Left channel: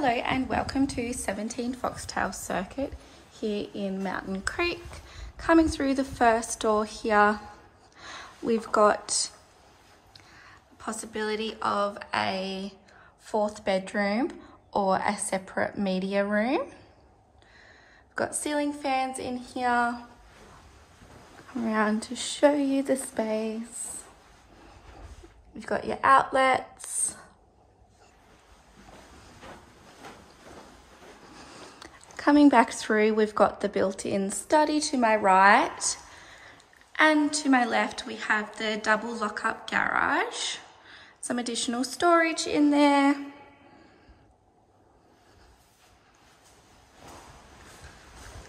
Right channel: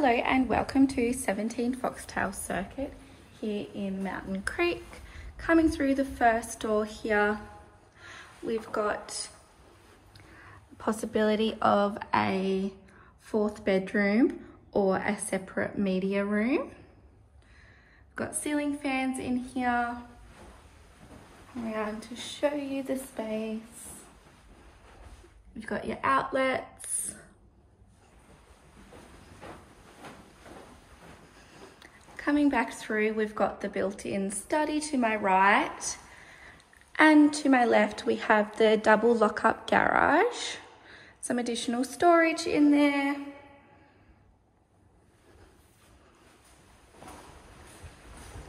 Hello and welcome to 17 Foxtail Circuit here in Mountain Creek. Coming through the first door here, we've got the possibility of a fourth bedroom or a separate media room. We've got ceiling fans in here. Come around to show you the space. You've got your outlets. Coming back through, we've got the built-in study to my right, and to my left we have the double lock-up garage. Some additional storage in there.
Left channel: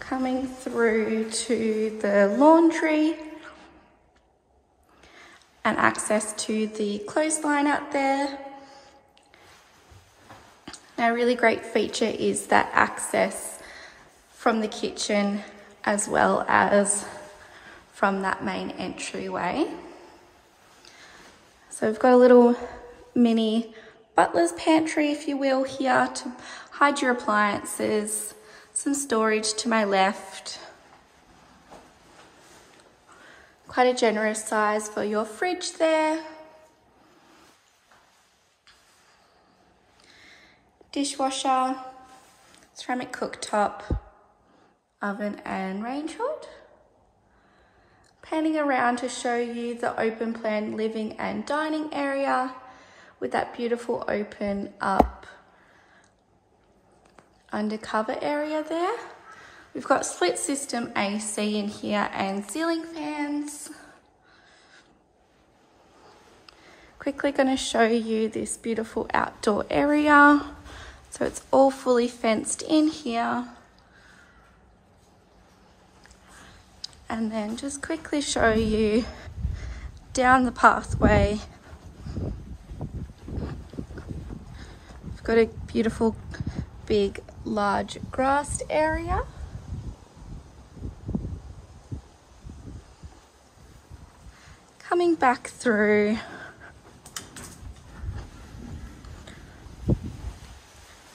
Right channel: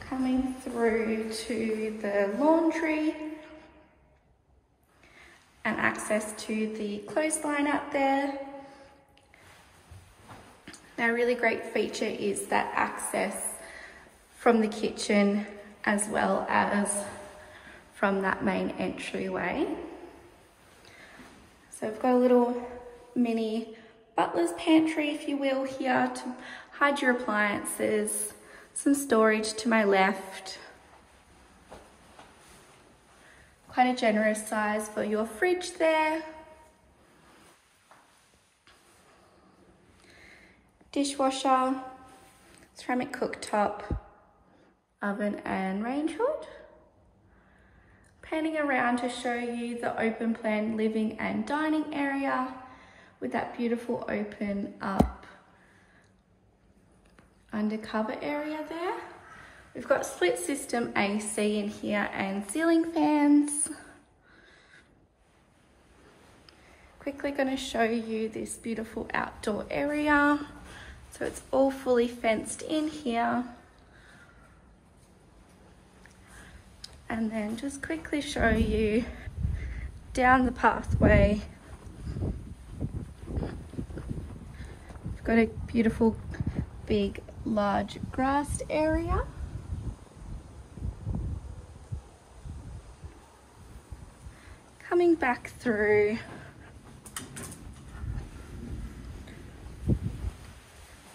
Coming through to the laundry and access to the clothesline out there. Now, a really great feature is that access from the kitchen as well as from that main entryway. So we've got a little mini butler's pantry, if you will, here to hide your appliances. Some storage to my left. Quite a generous size for your fridge there. Dishwasher, ceramic cooktop, oven and range hood. Panning around to show you the open plan living and dining area with that beautiful open up undercover area there. We've got split system AC in here and ceiling fans. Quickly going to show you this beautiful outdoor area. So it's all fully fenced in here. And then just quickly show you down the pathway. We've got a beautiful, big, large grassed area. Coming back through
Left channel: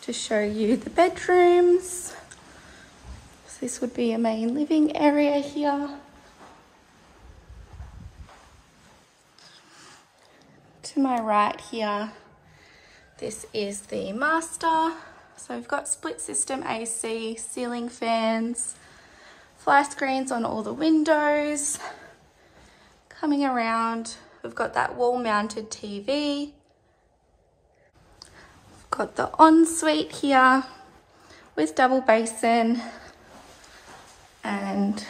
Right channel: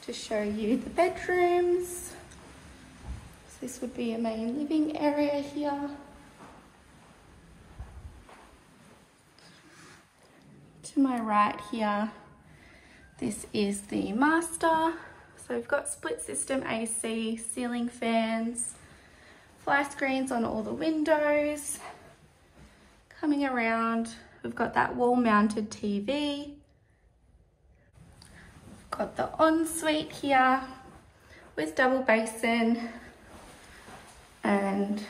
to show you the bedrooms. So this would be a main living area here. To my right here, this is the master. So we've got split system AC, ceiling fans, fly screens on all the windows. Coming around, we've got that wall mounted TV. We've got the ensuite here with double basin and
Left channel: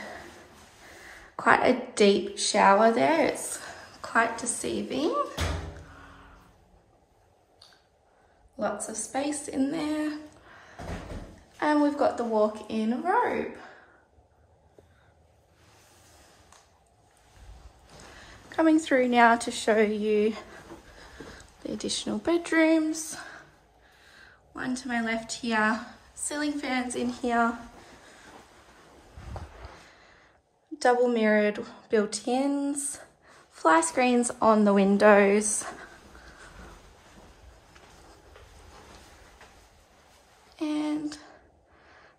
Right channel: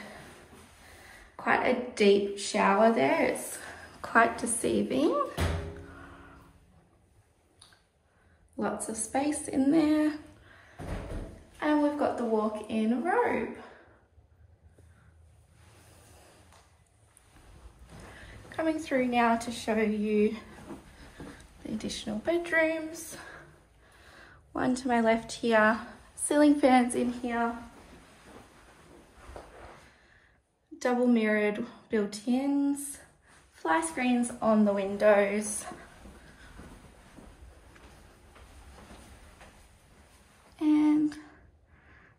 quite a deep shower there. It's quite deceiving. Lots of space in there. And we've got the walk-in robe. Coming through now to show you the additional bedrooms. One to my left here, ceiling fans in here. Double mirrored built-ins, fly screens on the windows. And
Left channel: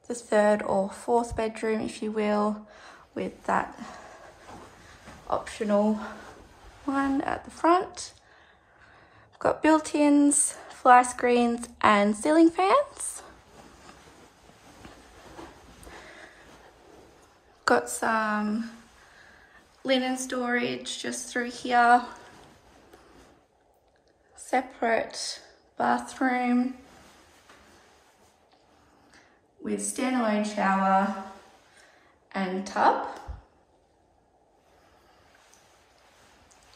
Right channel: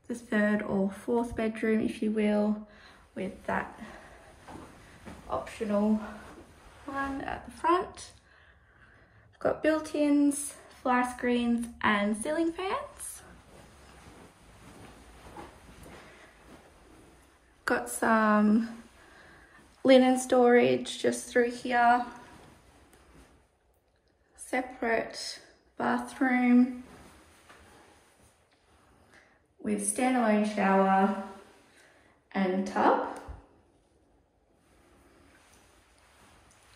the third or fourth bedroom, if you will, with that optional one at the front. We've got built-ins, fly screens and ceiling fans. Got some linen storage just through here. Separate bathroom with standalone shower and tub.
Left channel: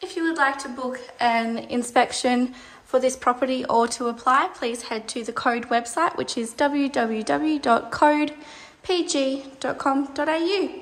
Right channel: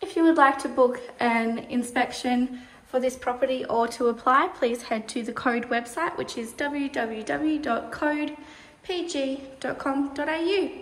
If you would like to book an inspection for this property or to apply, please head to the Code website, which is www.codepg.com.au.